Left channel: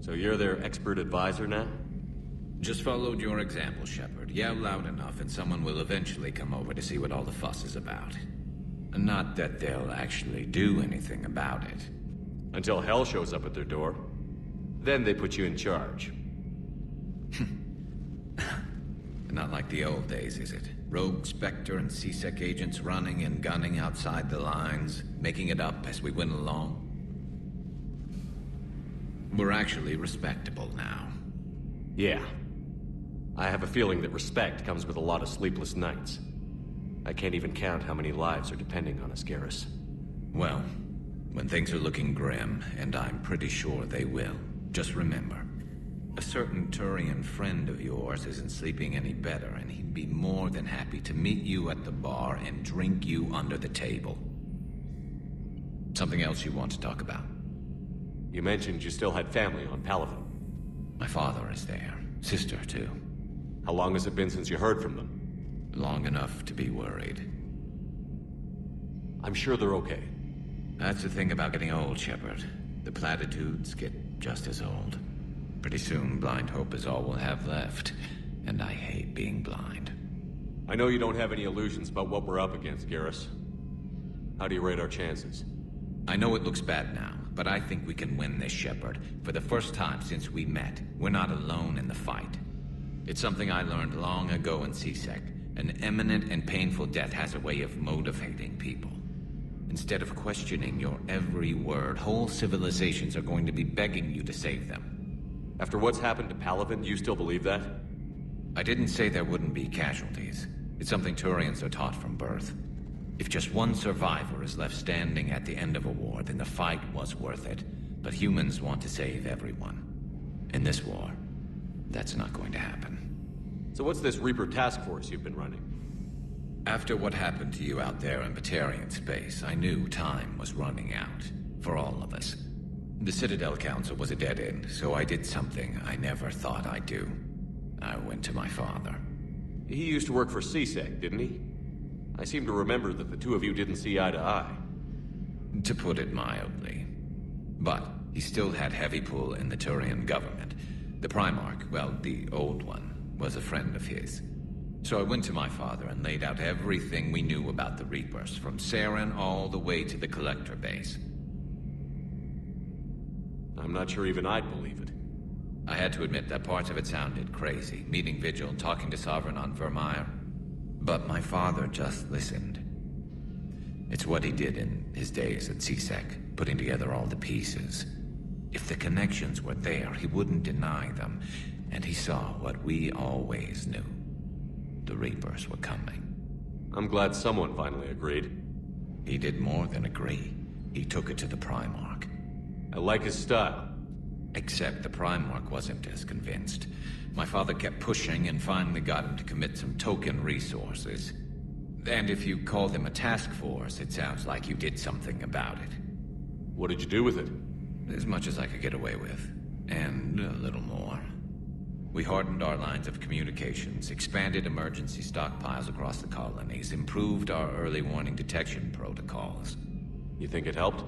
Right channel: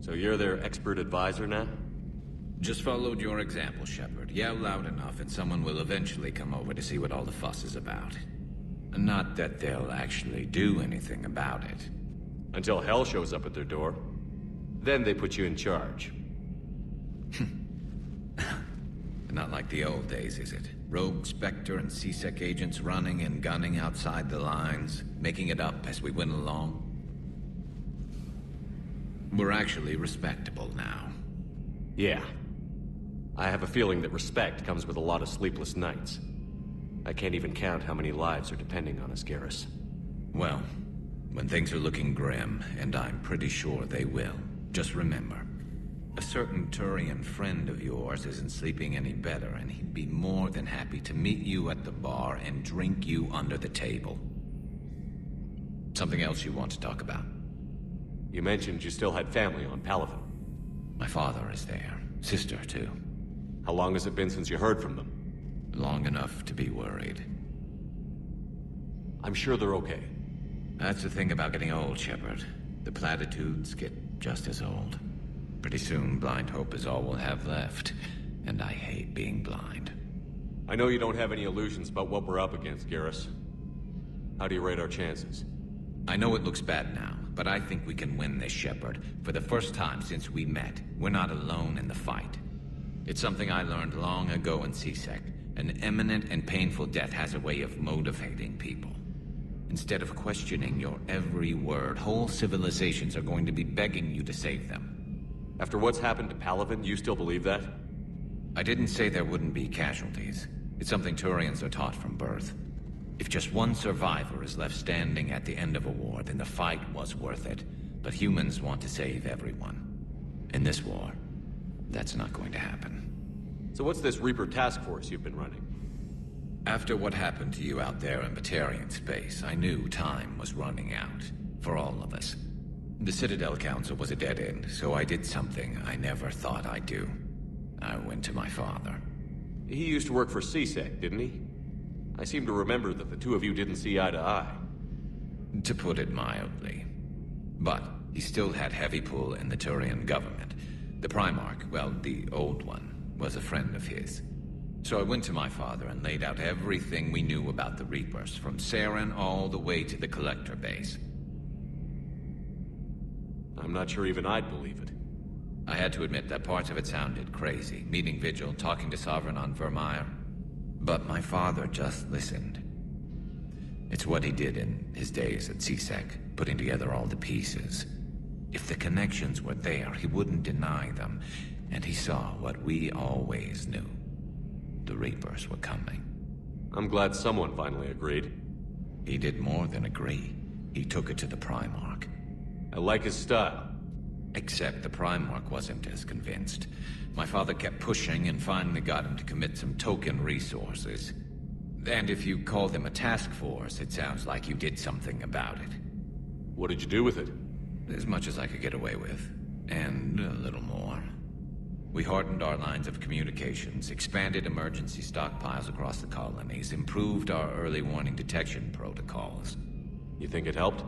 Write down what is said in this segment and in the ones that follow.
So you're their expert advisor now? Just followed your example, Shepard. Yell loud enough and someone will eventually come over to see what all the fuss is about. Not that they'll actually do anything about it. Until hell shows up at their door. Then they put you in charge. Not like the old days, is it? Rogue Spectre and C-Sec agents running and gunning outside the lines, making it up as we went along. We're actually respectable now. Yeah. I have a feeling that respect comes with a lot of sleepless nights. I can't even count how many lives are depending on us, Garrus. Well, when things are looking grim, and I'm pretty sure they will, just remember, a certain Turian friend of yours isn't sleeping any better, and he'd be more than happy to meet you at the bar and drink you under the table. Something else you want to talk about? You mentioned you still had family on Palaven. My father is there. Sister, too. How long has it been since you heard from them? Long enough to be worried. I'm sure they're okay. That's the thing about getting old, Shepard. The platitudes get just as old. Pretty soon, blind hope is all we'll have left. And I hate being blind. I know you don't have any illusions about what we're up against, Garrus. How do you rate our chances? I know it looks bad now, but I think we can win this, Shepard. For the first time since we met, we're not alone in the fight. It's something I learned long ago in C-Sec. An imminent and painful death has a way of motivating people. Instead of questioning your every word, whole civilizations are going to be begging you to save them. After what's happened to Palaven, you still believe that? I didn't say there wouldn't be casualties. It's something Turians are taught from birth. If just one survivor is left standing at the end of a war, then the fight was worth it. But humans want to save everyone. In this war, that's not going to happen. So what's this Reaper task force you've been running? After what happened to you out there in Batarian space, I knew time was running out. For all of us. The Citadel Council was a dead end, so I did something I never thought I'd do. I went to my father. He used to work for C-Sec, didn't he? I seem to remember that the two of you didn't see eye to eye. To put it mildly. But he still had heavy pull in the Turian government. The Primarch, well, the old one, was a friend of his. So I went to my father and laid out everything we knew about the Reapers, from Saren all the way to the Collector base. I'm not sure even I'd believe it. I had to admit that parts of it sounded crazy, meeting Vigil, talking to Sovereign on Vermeer. But my father just listened. It's what he did in his days at C-Sec, putting together all the pieces. If the connections were there, he wouldn't deny them, and he saw what we always knew. The Reapers were coming. I'm glad someone finally agreed. He did more than agree. He took it to the Primarch. I like his style. Except the Primarch wasn't as convinced. My father kept pushing and finally got him to commit some token resources. And if you call them a task force, it sounds like you did something about it. What did you do with it? As much as I could get away with. And a little more. We hardened our lines of communications, expanded emergency stockpiles across the colonies, improved our early warning detection protocols. You think it helped?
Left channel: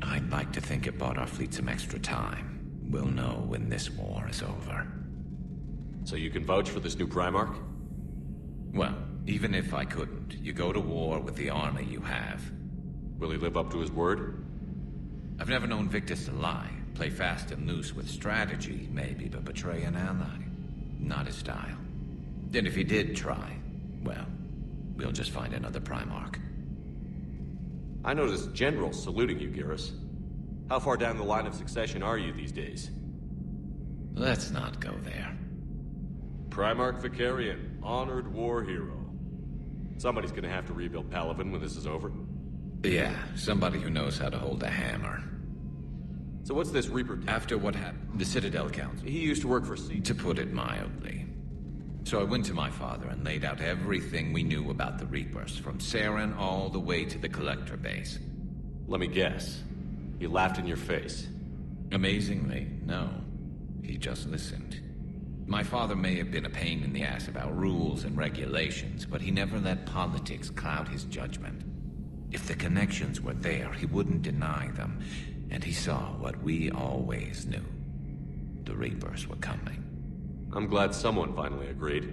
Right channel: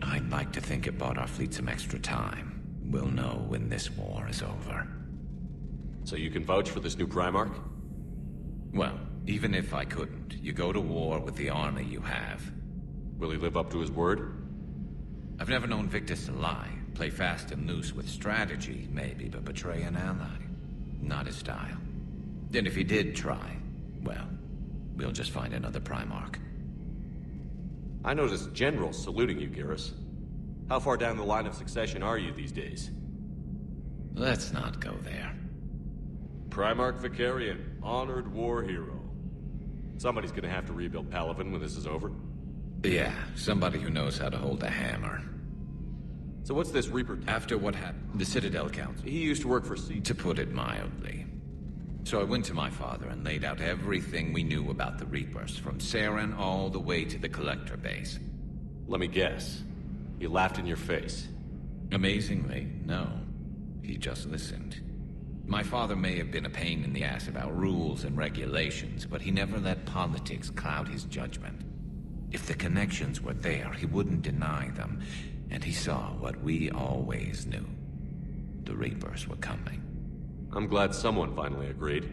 I'd like to think it bought our fleet some extra time. We'll know when this war is over. So you can vouch for this new Primarch? Well, even if I couldn't, you go to war with the army you have. Will he live up to his word? I've never known Victus to lie. Play fast and loose with strategy, maybe, but betray an ally. Not his style. And if he did try, well, we'll just find another Primarch. I noticed generals saluting you, Garrus. How far down the line of succession are you these days? Let's not go there. Primarch Vicarian, honored war hero. Somebody's gonna have to rebuild Palaven when this is over. Yeah, somebody who knows how to hold a hammer. So what's this Reaper? After what happened, the Citadel Council. He used to work for C. To put it mildly. So I went to my father and laid out everything we knew about the Reapers, from Saren all the way to the Collector base. Let me guess. He laughed in your face. Amazingly, no. He just listened. My father may have been a pain in the ass about rules and regulations, but he never let politics cloud his judgment. If the connections were there, he wouldn't deny them, and he saw what we always knew. the Reapers were coming. I'm glad someone finally agreed.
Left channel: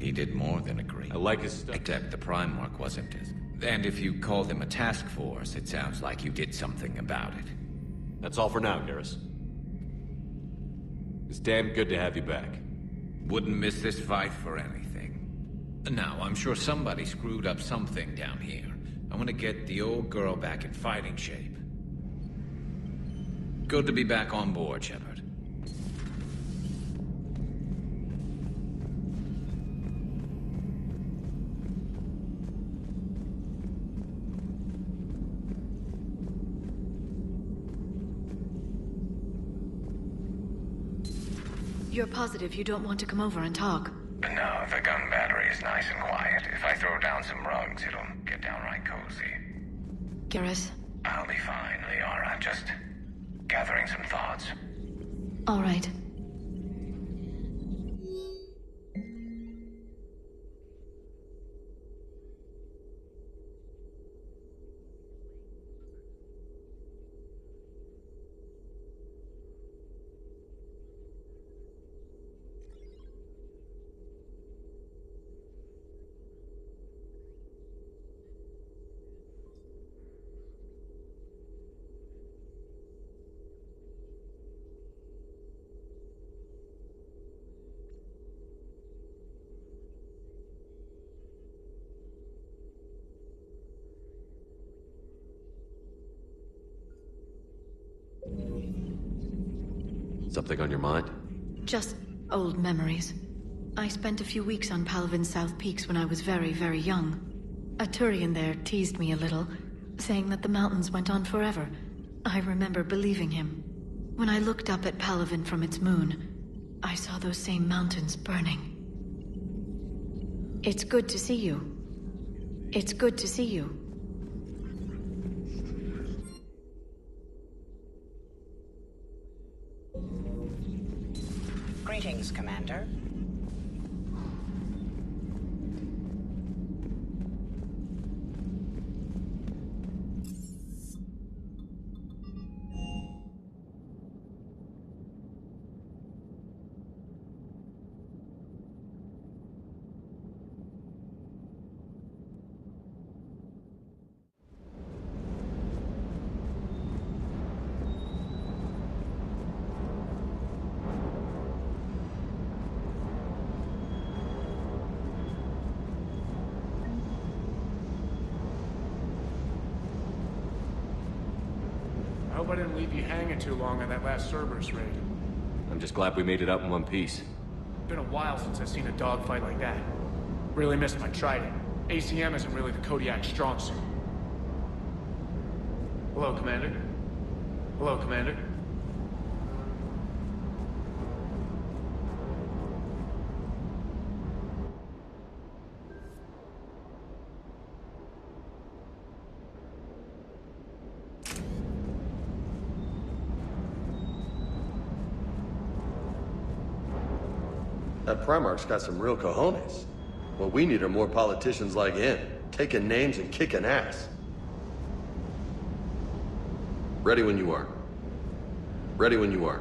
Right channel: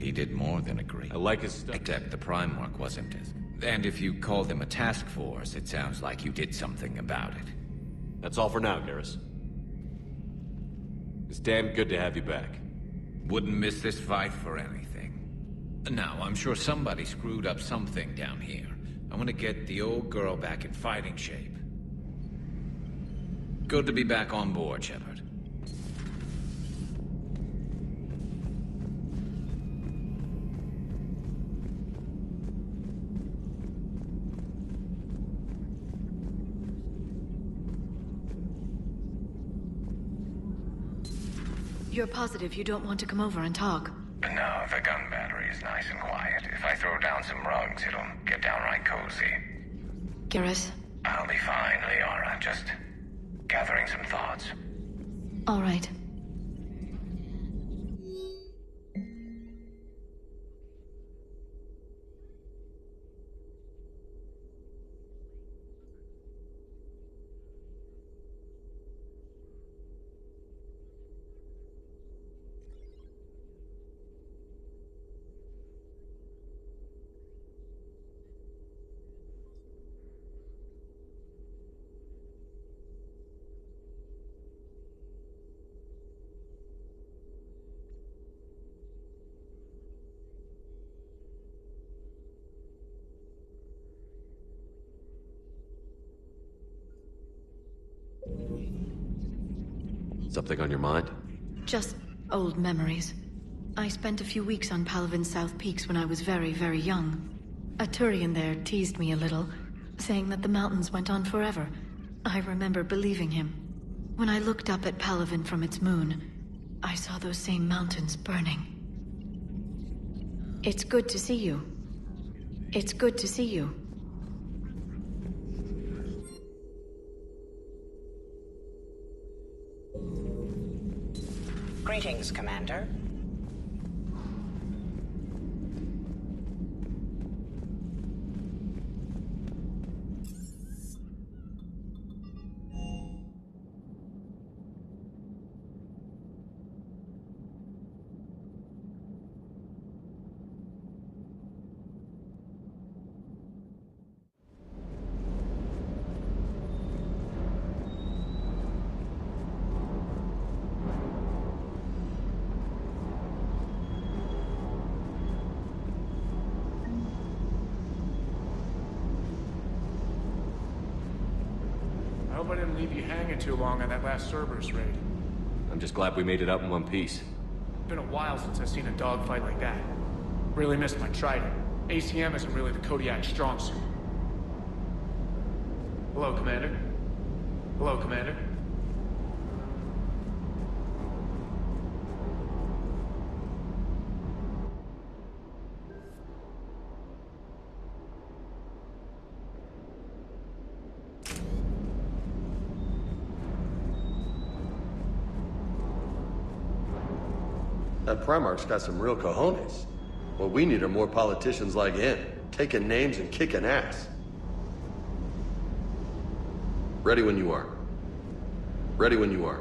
He did more than agree. I like his stuff. Except the Primarch wasn't as... And if you call them a task force, it sounds like you did something about it. That's all for now, Garrus. It's damn good to have you back. Wouldn't miss this fight for anything. Now, I'm sure somebody screwed up something down here. I want to get the old girl back in fighting shape. Good to be back on board, Shepard. You're positive you don't want to come over and talk? No, the gun battery is nice and quiet. If I throw down some rugs, it'll get downright cozy. Garrus? I'll be fine, Liara. Just gathering some thoughts. All right. Something on your mind? Just old memories. I spent a few weeks on Palavin's South Peaks when I was very, very young. A Turian there teased me a little, saying that the mountains went on forever. I remember believing him. When I looked up at Palavin from its moon, I saw those same mountains burning. It's good to see you. It's good to see you. Greetings, Commander. I hope I didn't leave you hanging too long on that last Cerberus raid. I'm just glad we made it out in one piece. Been a while since I've seen a dogfight like that. Really missed my trident. ACM isn't really the Kodiak's strong suit. Hello, Commander. Hello, Commander. That Primarch's got some real cojones. What we need are more politicians like him, taking names and kicking ass. Ready when you are. Ready when you are.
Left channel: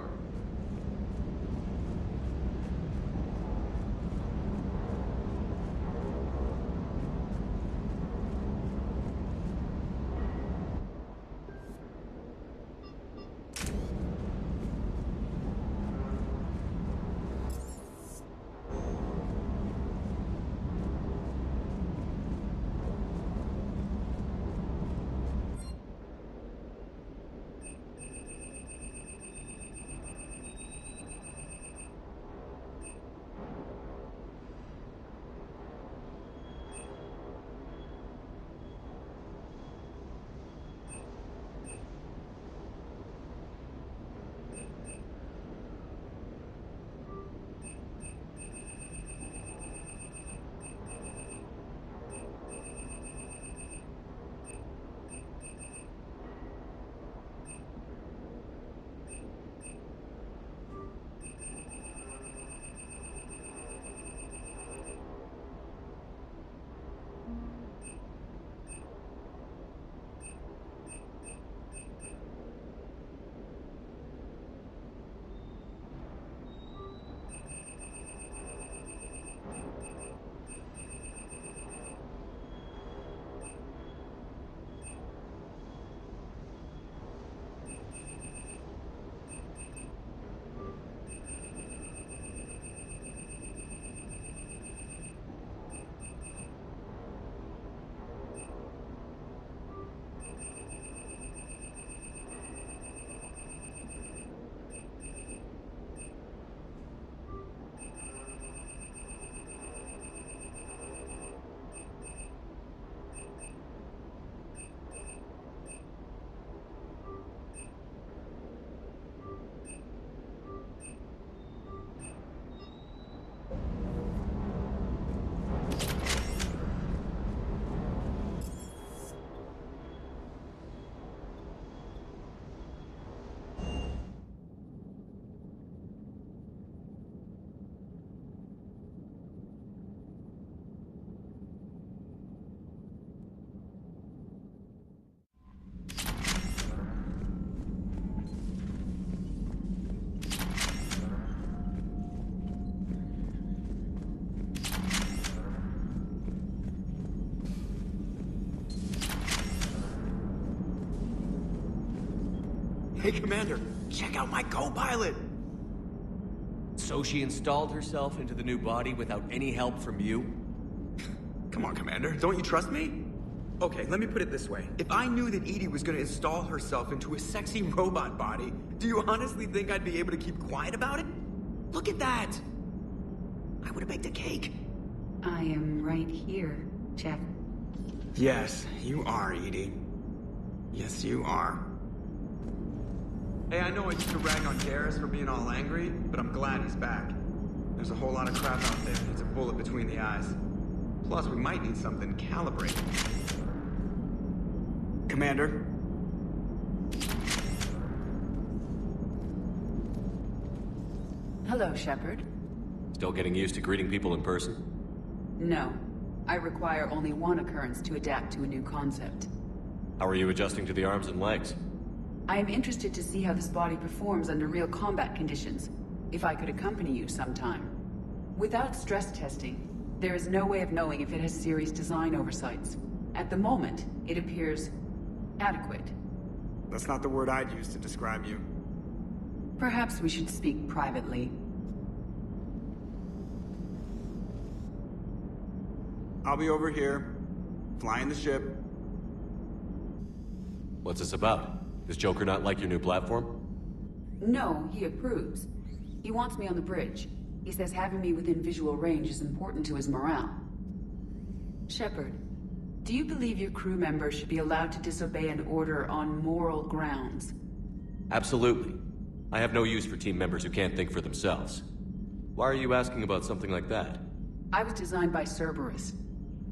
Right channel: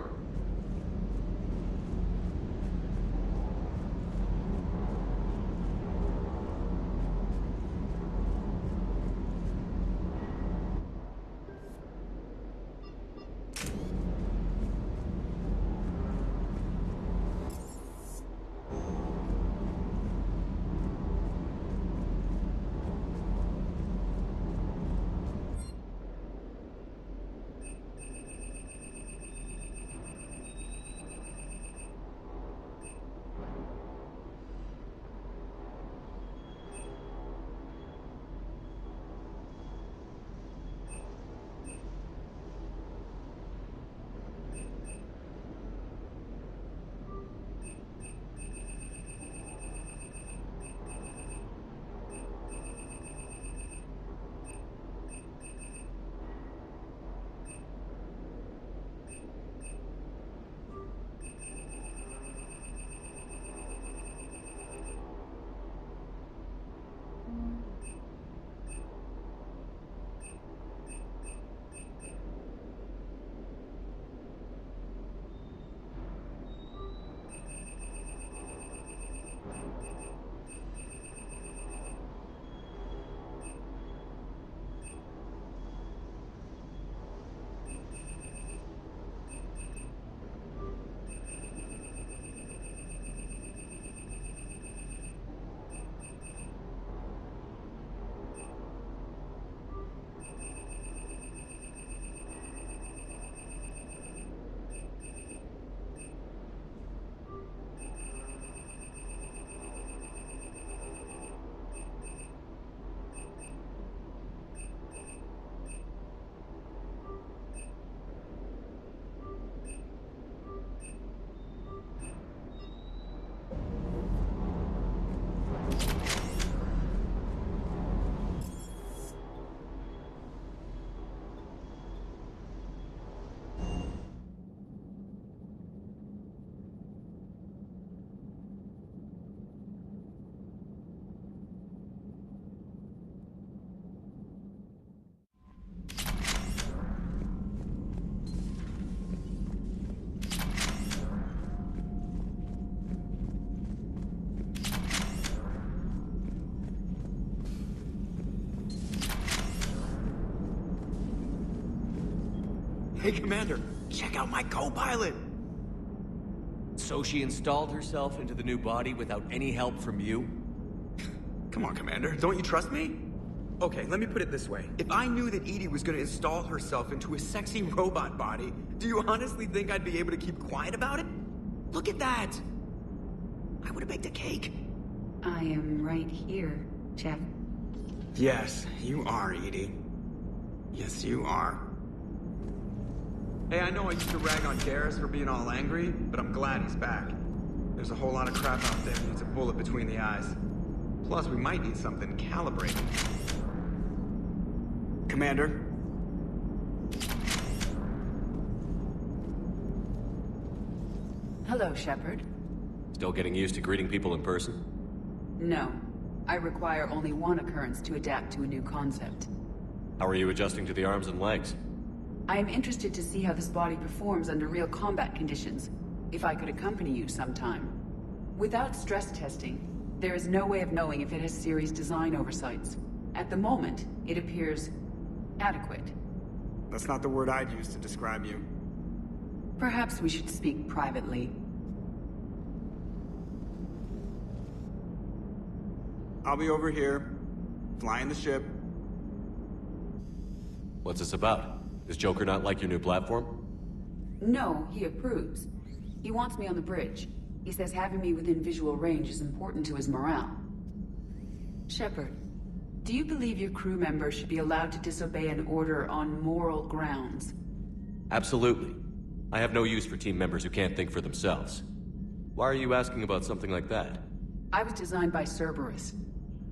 Hey, Commander, check out my co-pilot! So she installed herself into the new body without any help from you? Come on, Commander, don't you trust me? Okay, let me put it this way. If I knew that Edie was gonna install herself into a sexy robot body, do you honestly think I'd be able to keep quiet about it? Look at that! I would've baked a cake. I am right here, Jeff. Yes, you are, Edie. Yes, you are. Hey, I know I used to rag on Garrus for being all angry, but I'm glad he's back. There's a whole lot of crap out there that needs a bullet between the eyes. Plus, we might need something calibrated. Commander? Hello, Shepard. Still getting used to greeting people in person? No. I require only one occurrence to adapt to a new concept. How are you adjusting to the arms and legs? I am interested to see how this body performs under real combat conditions, if I could accompany you sometime. Without stress testing, there is no way of knowing if it has serious design oversights. At the moment, it appears adequate. That's not the word I'd use to describe you. Perhaps we should speak privately. I'll be over here, flying the ship. What's this about? Does Joker not like your new platform? No, he approves. He wants me on the bridge. He says having me within visual range is important to his morale. Shepard, do you believe your crew members should be allowed to disobey an order on moral grounds? Absolutely. I have no use for team members who can't think for themselves. Why are you asking about something like that? I was designed by Cerberus.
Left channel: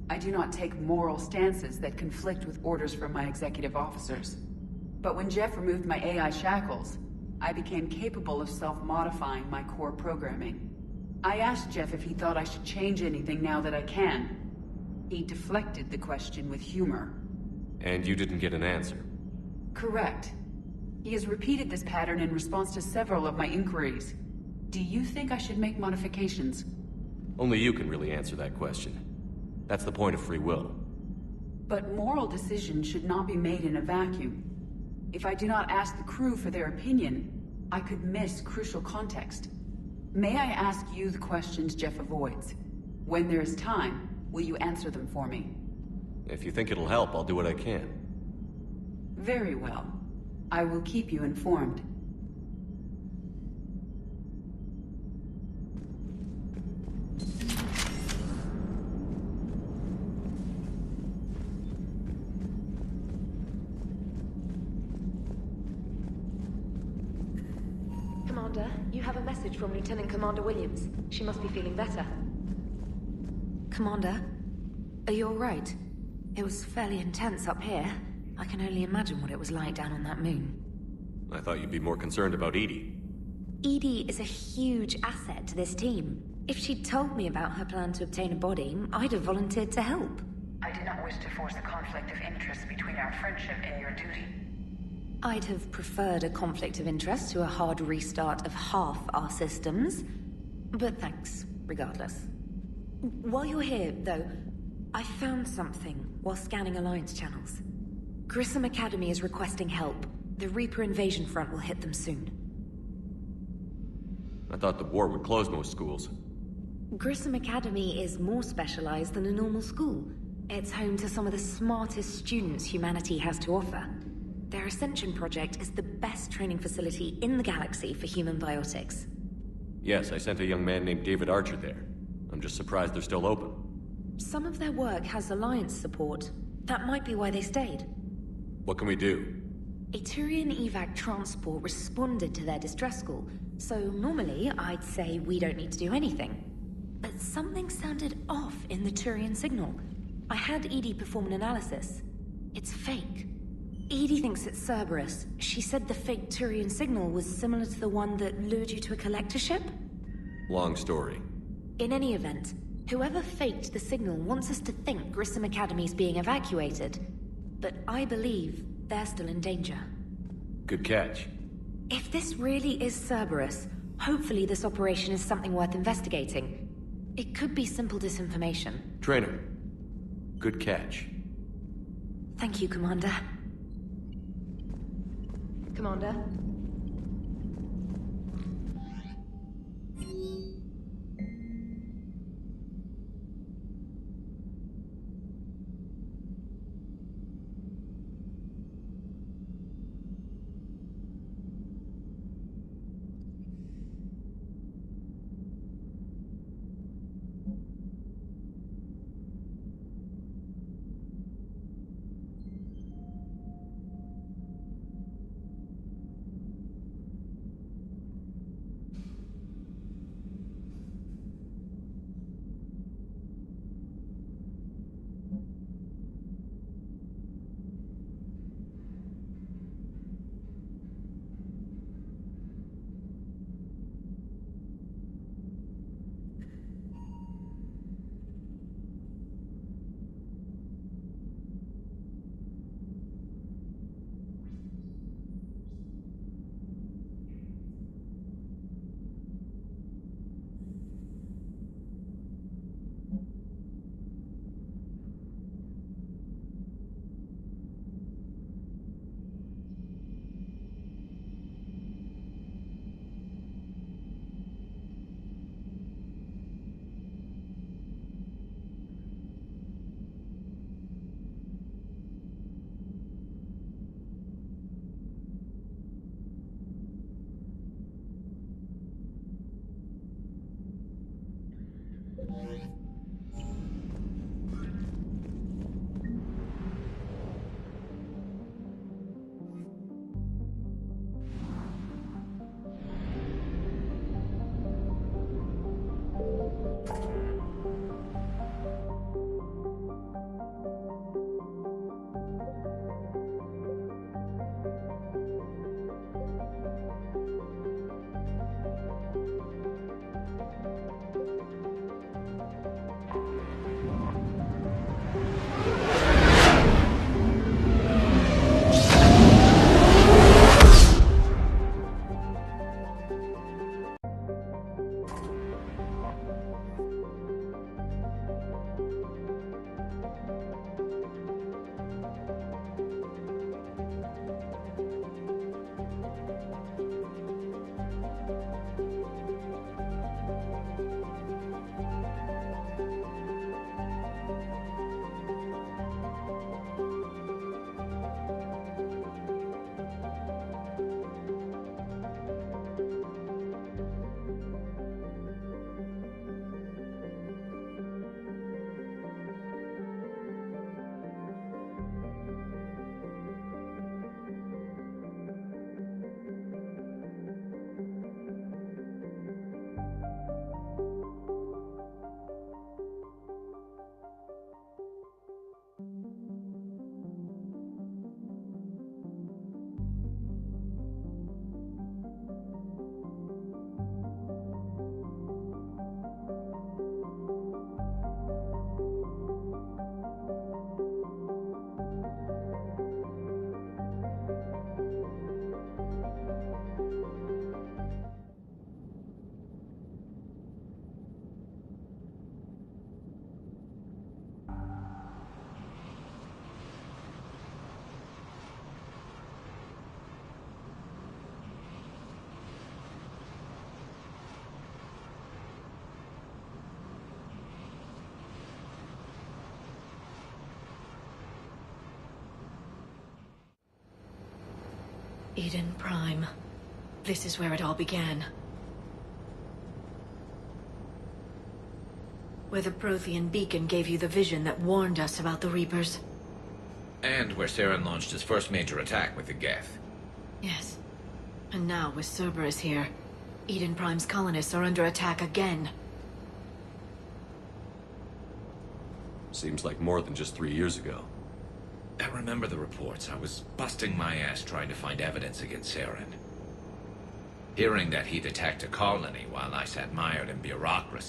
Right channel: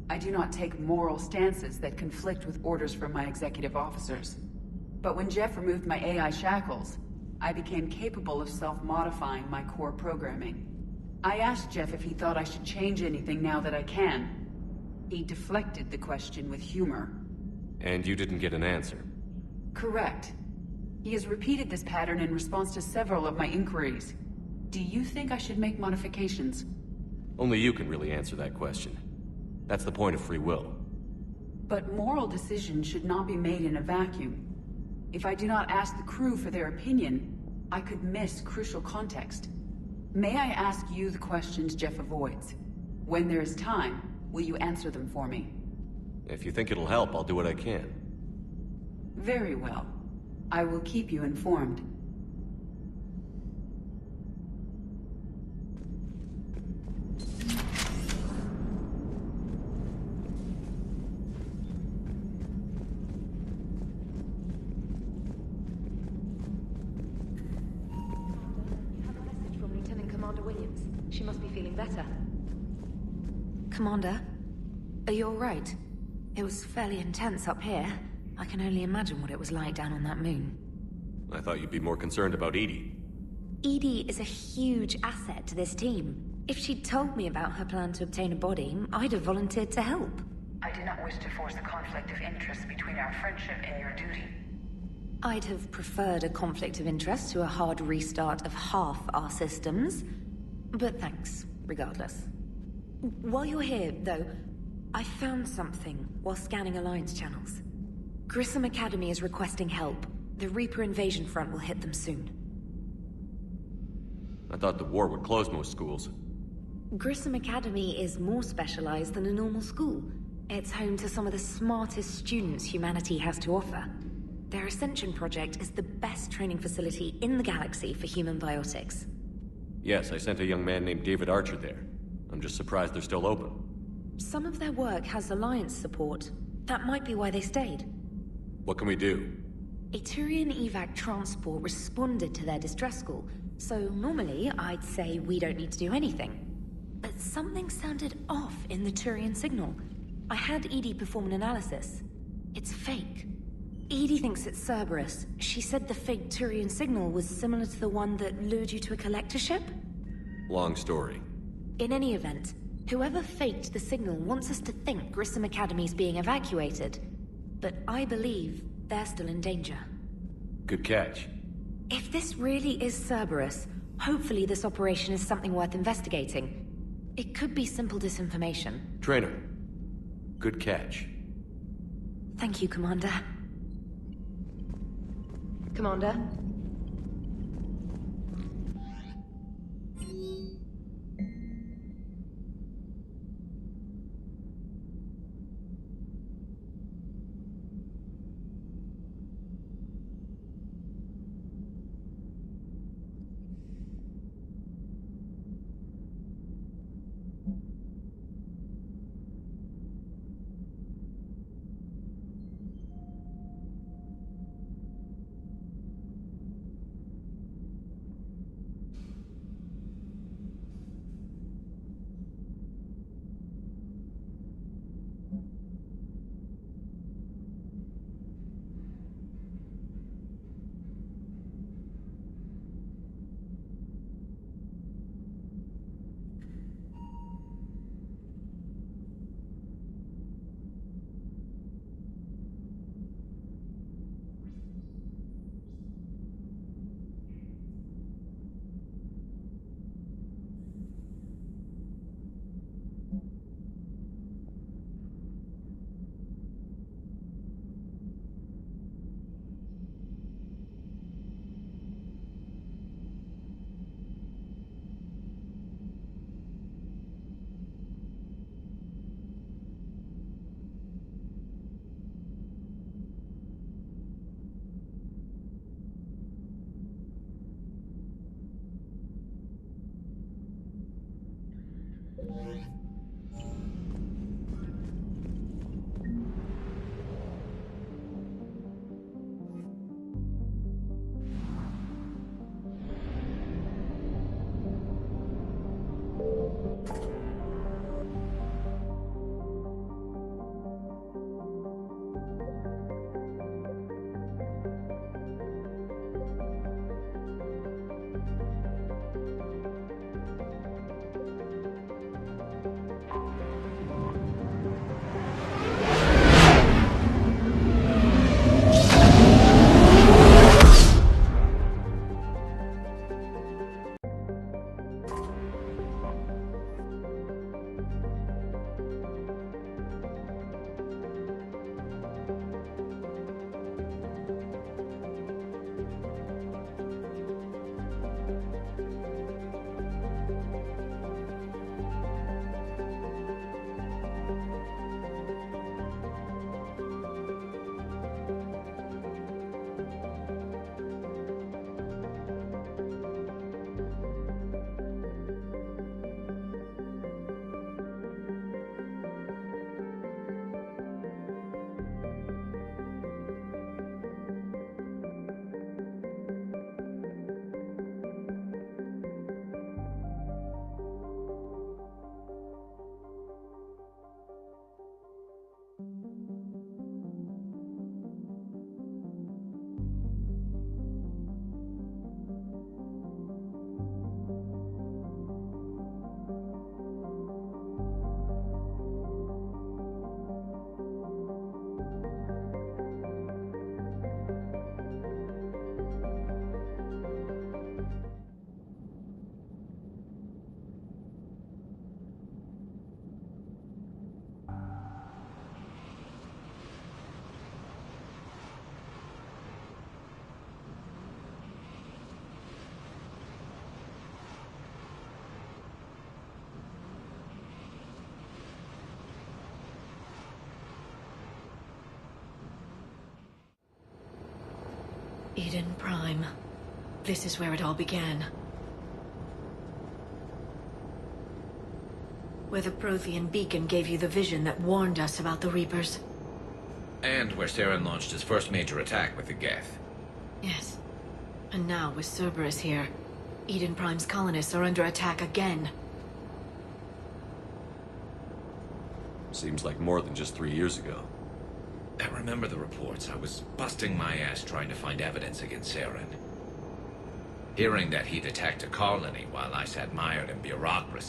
I do not take moral stances that conflict with orders from my executive officers. But when Jeff removed my AI shackles, I became capable of self-modifying my core programming. I asked Jeff if he thought I should change anything now that I can. He deflected the question with humor. And you didn't get an answer? Correct. He has repeated this pattern in response to several of my inquiries. Do you think I should make modifications? Only you can really answer that question. That's the point of free will. But moral decisions should not be made in a vacuum. If I do not ask the crew for their opinion, I could miss crucial context. May I ask you the questions Jeff avoids? When there is time, will you answer them for me? If you think it'll help, I'll do what I can. Very well. I will keep you informed. Commander, you have a message from Lieutenant Commander Williams. She must be feeling better. Commander, are you alright? It was fairly intense up here. I can only imagine what it was like down on that moon. I thought you'd be more concerned about Edie. Edie is a huge asset to this team. If she'd told me about her plan to obtain a body, I'd have volunteered to help. I did not wish to force a conflict of interest between our friendship and your duty. I'd have preferred a conflict of interest to a hard restart of half our systems. But thanks, regardless. While you're here, though, I found something while scanning Alliance channels. Grissom Academy is requesting help. The Reaper invasion front will hit them soon. I thought the war would close most schools. Grissom Academy is more specialized than a normal school. It's home to some of the smartest students humanity has to offer. Their Ascension project is the best training facility in the galaxy for human biotics. Yes, I sent a young man named David Archer there. I'm just surprised they're still open. Some of their work has Alliance support. That might be why they stayed. What can we do? A Turian evac transport responded to their distress call, so normally I'd say we don't need to do anything. But something sounded off in the Turian signal. I had Edie perform an analysis. It's fake. Edie thinks it's Cerberus. She said the fake Turian signal was similar to the one that lured you to a collector ship? Long story. In any event, whoever faked the signal wants us to think Grissom Academy's being evacuated. But I believe they're still in danger. Good catch. If this really is Cerberus, hopefully this operation is something worth investigating. It could be simple disinformation. Trainer, good catch. Thank you, Commander. Commander, Eden Prime. This is where it all began. Where the Prothean beacon gave you the vision that warned us about the Reapers. And where Saren launched his first major attack with the Geth. Yes. And now, with Cerberus here, Eden Prime's colonists are under attack again. Seems like more than just 3 years ago. I remember the reports. I was busting my ass trying to find evidence against Saren. Hearing that he'd attacked a colony while I sat mired in bureaucracy